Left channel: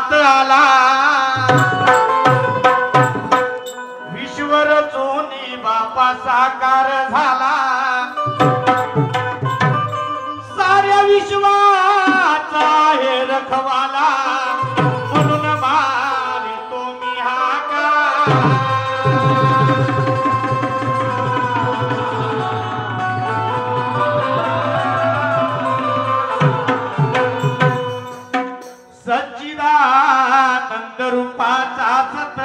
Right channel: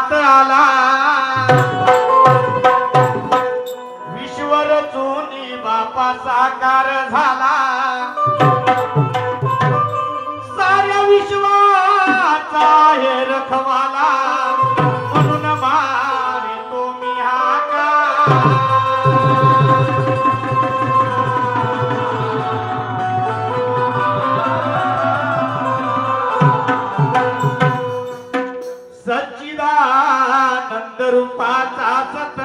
जगात आला विश्व रचून बापा साकार झाला साऱ्या विश्वाचा हे रखवाला म्हणून मारितो मी हाका सच्चिदानंद रूपाचा सत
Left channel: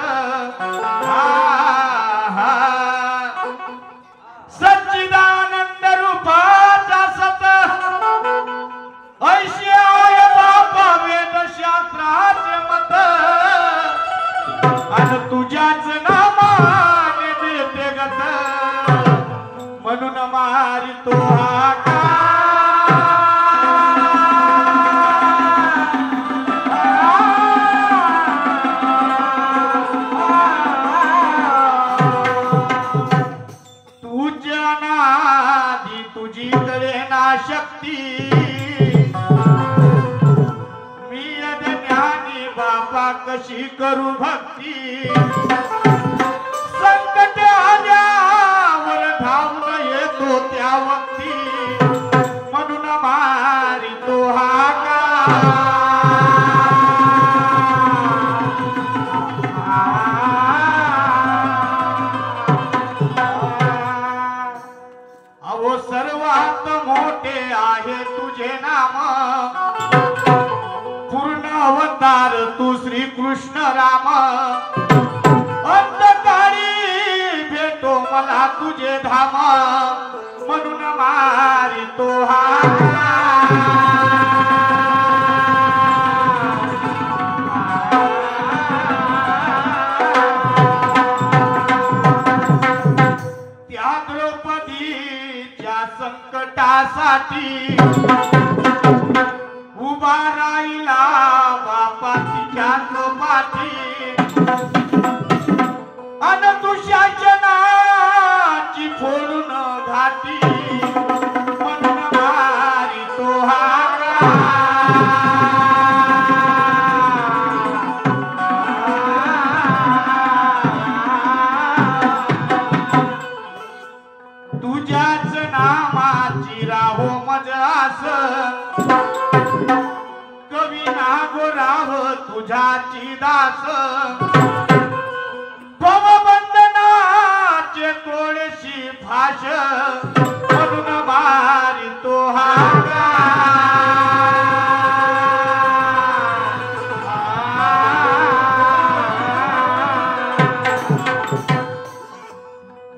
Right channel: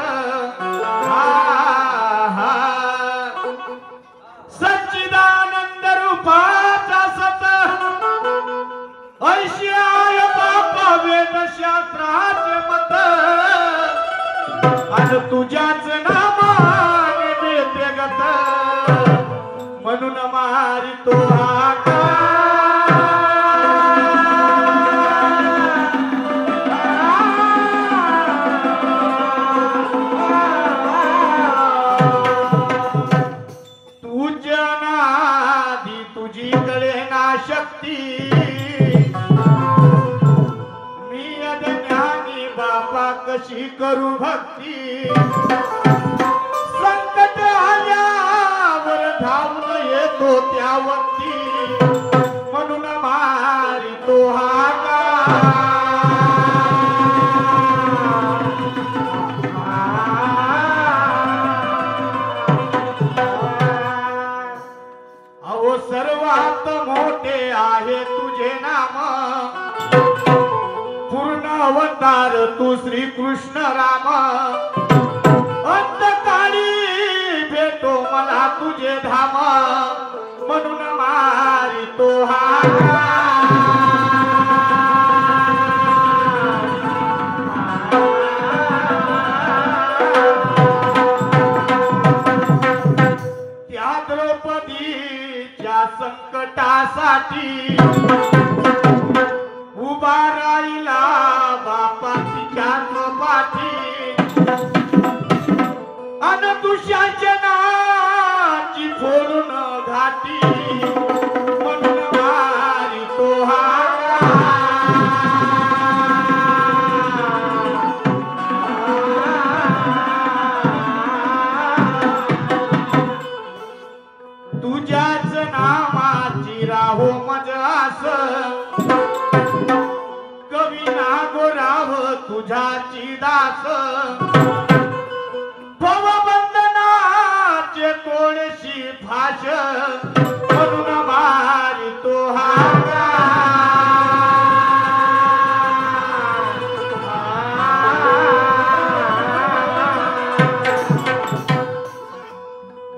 सच्चिदानंद रूपाचा सत ऐशी आय बापा वेदशास्त्राचे मत आणि तुझ्याच नामाने देते गत म्हणून मारितो हाका तुझी कडे ना शक्ती मी ज्ञानी बापा कशी करू भक्ती संकट आल्यावर धावून येतो त्या वक्ती म्हणून मारितो हाका अहो सर्वात मोठे आहे तुझे नाम पूर्ण अवतार तू श्री कृष्ण राम अंतकाळी भेटो मला तुझे धाम म्हणून मारितो हाका संकटासाठी उभा राहिला बापा तिच्याच पाठी अन तुझ्याच्या नाची फोडून घाटी म्हणून मारितो हाका तुझ्याच नामाची राहो मजरास कवी नागो राव तुझ्याची दास भवबंधनाचे तोडशी फाश म्हणून मारितो हाका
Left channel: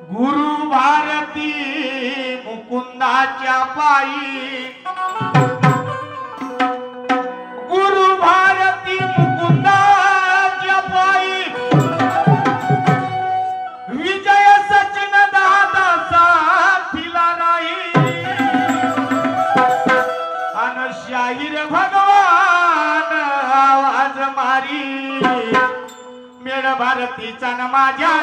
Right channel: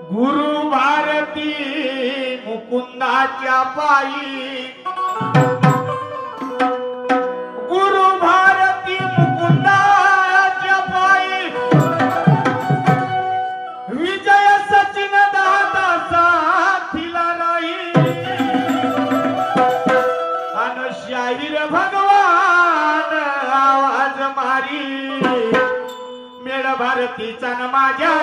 गुरु भारती मुकुंदाच्या पायी गुरु भारती मुकुंदाच्या पायी विजय सचिन दादा साथीला नाही अन शाहीर भगवान आवाज मारी मेळ भारतीचा न माझ्या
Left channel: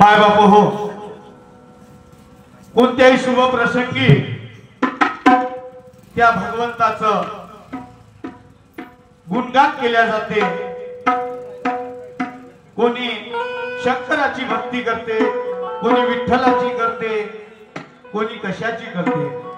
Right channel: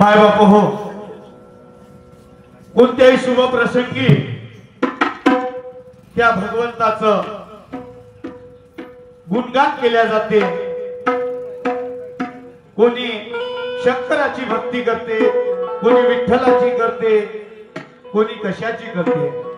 माय बाप हो, कोणत्याही शुभ प्रसंगी त्या भगवंताचं गुणगान केल्या जाते. कोणी शंकराची भक्ती करते, कोणी विठ्ठलाची करते, कोणी कशाची करते.